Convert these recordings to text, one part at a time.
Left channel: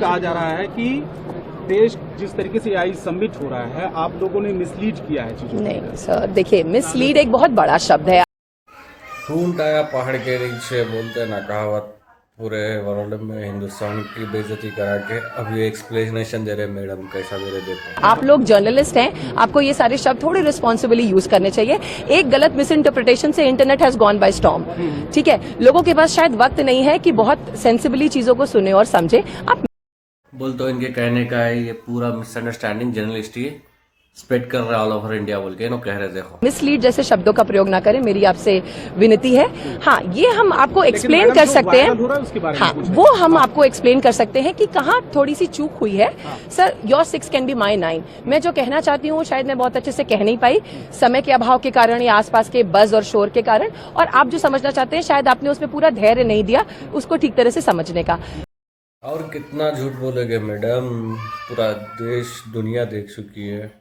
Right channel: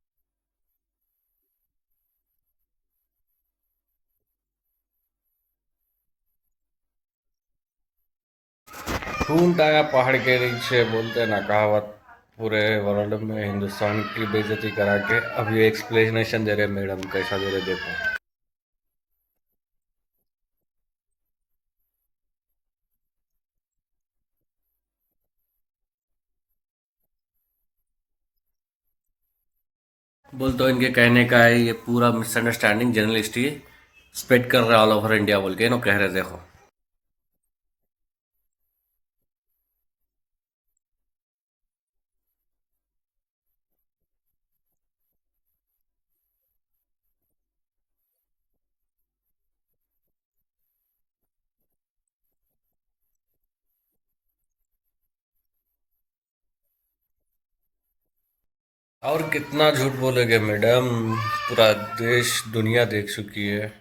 कहा जा रहा है कि देश जिस तरीके से आई सबमिट हो रहा है, आप लोगों ने मिसलीड किया है चीजों को। नहीं सर, देखिए मिसलीड एक बहुत बड़ा शब्द है। ऊंट आया पहाड़ के नीचे बोलते ना कहावत, पूरे वर्ल्ड में हिंदुस्तान की बेइज्जती करा के अब ये एक्सप्लेनेशन दे रहे मैडम, कैसा दे रहे देखो। आप लोग जर्नलिस्ट हैं, आपको ये सारे शब्द थोड़े रिस्पॉन्सिबली यूज करने चाहिए। एक गलत मिस इंटरप्रिटेशन से internet has gone by storm. ठीक है, लोगों के पास शायद वक्त नहीं है कि बहुत सेंसिबली चीजों को सुने और समझे। आप बोल तो इनके कहने का है ये पूरा मिसअंडरस्टैंडिंग जर्नलिस्ट ही स्प्रेड कर रहा है ऑल ओवर इंडिया बोल के नो कह रहे देखो। मिसलीड जैसे शब्दों का प्रयोग ना करें, मेरी आपसे विनती है। हाँ, ये हम आपको एक्सप्लेन कर सकते हैं। हाँ, वो हम आपको एक्सप्लेन कर सकते हैं कि कहाँ थोड़ी सी चूक हुई है। Sir, your 6 can be my 9। मैं जो कहना चाहती हूँ शायद मैं बहुत अच्छे से कह नहीं पाई, समय के अभाव के कारण या आसपास के बज और शोर के कारण। और आप जो समझना चाहते हैं शायद आपने उसमें पूरा धैर्य नहीं दिया उसको ठीक तरह से समझने का। और कितना झूठ बोलेगे मैडम, पूरा देश दुनिया देख चुकी है,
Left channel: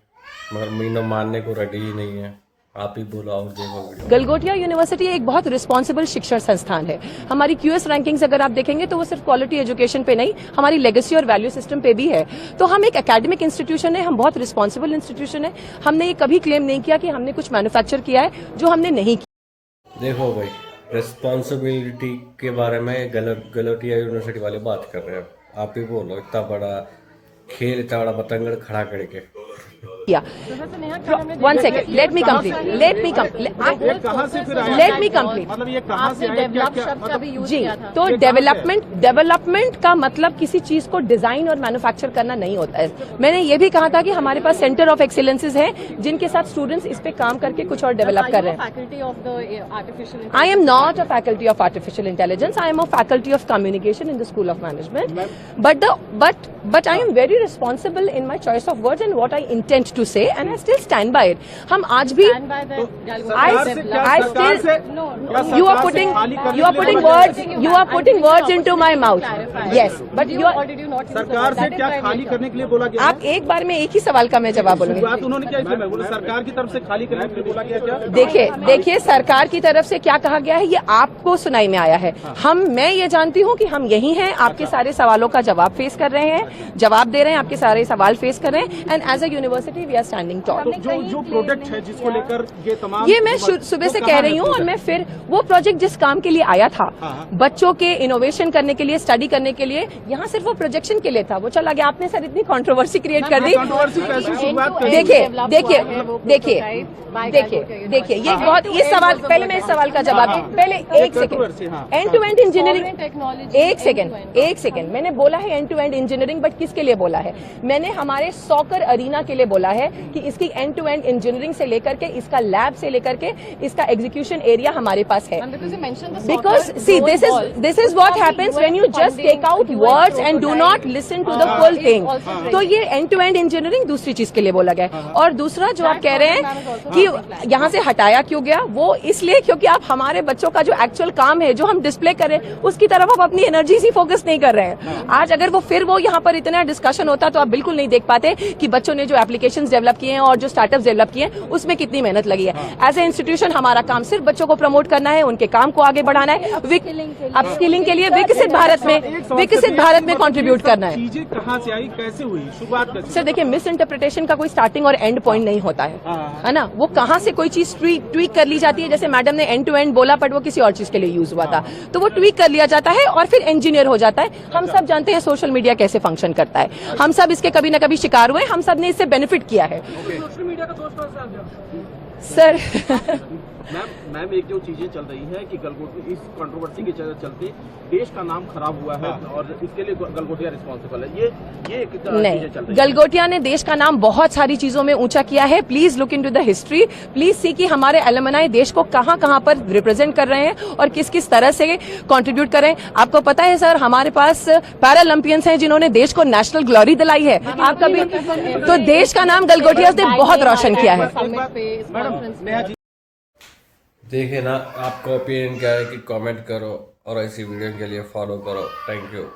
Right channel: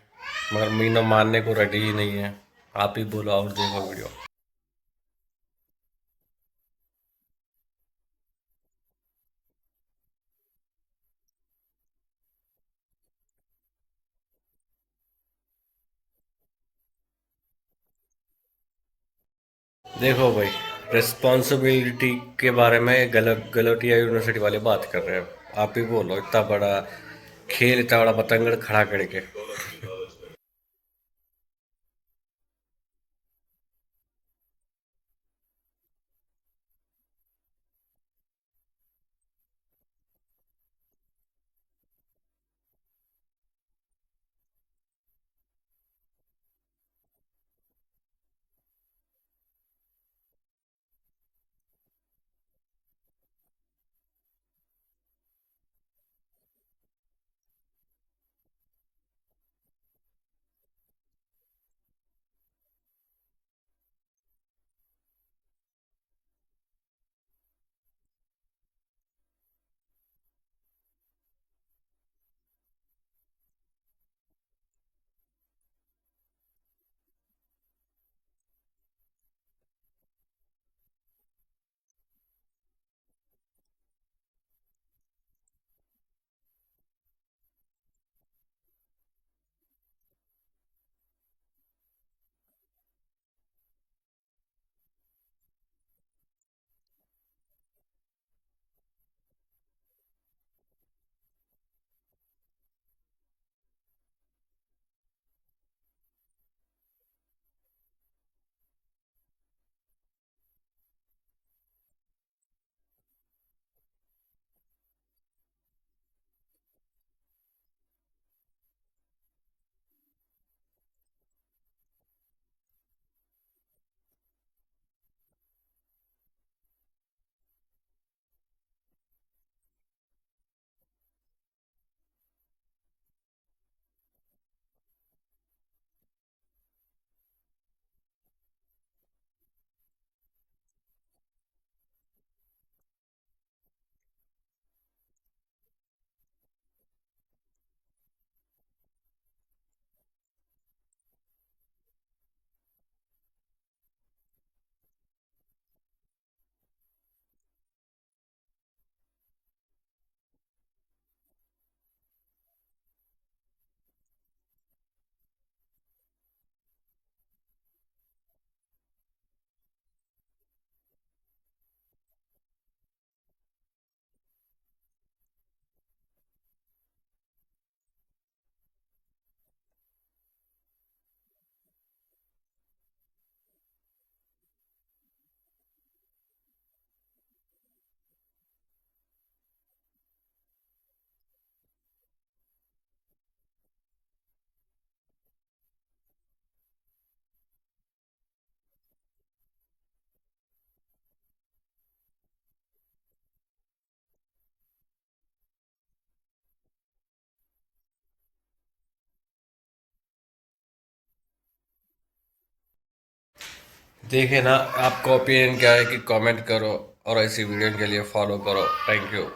मगर मीनो मानने को रेडी ही नहीं है। आप ही बोलो और देखो वीडियो। गलगोटिया यूनिवर्सिटी एक बहुत रिस्पॉन्सिबल शिक्षण संस्थान है। हमारी क्यूएस रैंकिंग्स अगर आप देखेंगे तो वो सिर्फ क्वालिटी एजुकेशन पे नहीं, हमारी लेगेसी और वैल्यू सिस्टम पे भी है। तो हम एक एकेडमिक इंस्टीट्यूशन है, हम बहुत रिस्पॉन्सिबल इंस्टीट्यूशन है। हमने ये कभी क्लेम नहीं किया कि हमने कुछ मैन्युफैक्चर किया है जो हमने नहीं किया। देखो भाई, रिस्पॉन्सिबिलिटी के बारे में गलगोटिया यूनिवर्सिटी वाले बात कर रहे हैं। आप ही बोलो, इतना बड़ा खेल, इतना बड़ा पतंगड़ खड़ा करके। One second, let me complete. Let me complete. मतलब ये कहाँ से आया, क्या जी, तो डेवलपमेंट का मतलब किसी चीज को डिजाइन और मैन्युफैक्चर करना नहीं होता है। मैंने ये भी कहा था कि हमारे पास सेंटर ऑफ एक्सीलेंसेज हैं जिनके साथ स्टूडेंट्स इस पे काम करके कुछ और डेवलप कर रहे हैं। I am not a faculty of artificial intelligence, I am a faculty of communication in the school of management. But I am very responsible in my choice of words and what I intent to say, and I still stand by it. हम आज भी you are putting words into my mouth. Yes, but you are. सरकार से क्या खाली करने के लिए बोला गया? आप एक बार में एक ही सवाल का मैं जवाब बोलूंगी। बात उन्होंने क्या इसमें मैं बोला, सरकार की तरफ से खाली करने के लिए बोला गया क्या? देखिए सरकार की तरफ से क्या कहा गया है ये आपको सुनाई में आया है। मैं ये जानती हूँ कि हम यही हैं, आपके सारे सवालों का जवाब फेस कर रहे हैं, जवाब दे रहे हैं, आपके सारे सवाल फेस कर रहे हैं। And as a university we are standing tall. जो प्रोडक्ट है जिसको लेकर ये तमाम, ये मैं सुबह से कह रही हूँ। और मैं फिर वो प्रोजेक्ट जिस काम के लिए आया था, बच्चों के इनोवेशन करने के लिए, स्टडी करने के लिए, यहाँ सिर्फ वो प्रोजेक्शन के लिए था, वो चला गया। आपने सर इतनी कंट्रोवर्सी क्रिएट कर दी। देखिए ये बहुत, ये सवाल पहले मैं इस सवाल का जवाब दूं। पहले एक second, end to end engineering, एक सेकंड मैंने बोला है end to end engineering, but किसके लिए बोला है? मैंने हमारे सॉकर अरीना के लिए बोला है कि इसकी एंड टू एंड इंजीनियरिंग से लेकर के, इसका लैब से लेकर के, इसका एग्जीक्यूशन एरिया हमारे पास है। Because see this is what happens when you just take out words and do not listen to the full thing. तो ये एंड टू एंड इंजीनियरिंग दूसरी चीज के लिए बोला गया। और दूसरा जो आप कह रहे हैं कि यहाँ से हटाया क्यों गया, वो इसलिए क्योंकि आप हमारे बच्चों का जो एक्चुअल काम है, जो हम डिस्प्ले कर रहे हैं, उसकी तरफ आप अपनी एनर्जी ही फोकस नहीं कर रहे हैं। आज अगर वो यहाँ पर इतना डिस्कशन होता तो आप बिल्कुल नहीं देख पाते कि बच्चों ने जो एप्लीकेशंस डेवलप किए हैं और जो स्टार्टअप्स डेवलप किए हैं उसमें कितनी मेहनत लगी है। एज ए इंस्टीट्यूशन हमारा काम सिर्फ बच्चों को प्रमोट करना है, उनके काम को आगे बढ़ाना है, अपस्किलिंग के लिए विकसित भारत में कंट्रीब्यूट करना है। चीजें कहाँ से आई, कैसे हुई, शुरुआत? सर देखिए, मिस इंटरप्रिटेशन का कोई स्टार्टिंग और एंड पॉइंट नहीं होता है ना। वो कहाँ से कोई चीज ट्वीक कर ली जाती है। जैसे मैडम ने एंड टू एंड बोला, बट वो किसी और चीज के लिए यूज हुआ था, तो वो ट्वीक कर लिया जाता है और फिर इंजीनियर हो जाता है। हम सब जानते हैं सोशल मीडिया कैसे फंक्शन करता है, हम सब इसके कभी न कभी शिकार हुए, हम सब ने इससे बेनिफिट किया है। सर मैम एक जो चीजें चल रही है कि गलगोटिया इस कंट्रोवर्सी के चलते देश का नाम खराब हुआ है और इसके लिए गलगोटिया रिस्पॉन्सिबल है। ये नहीं, गलगोटिया ने देश का नाम बहुत सारी चीजों में ऊंचा किया है। Please look into the history, please see कि हमारे एलुमनाई देश को कहां कहां पर रिप्रेजेंट कर रहे हैं और किस किस तरह से कंट्रीब्यूट कर रहे हैं। आपको पता है सर, हमारे पास पैरालंपियंस हैं जिन्होंने देश को नेशनल ग्लोरी दिलाई है। आप कभी तो देश का नाम गलगोटिया ने बहुत रोशन किया है। देखिए ना, आपका ओपिनियन क्या है कि कमेंट करो और ऐसी वीडियो के लिए फॉलो करो। Thank you.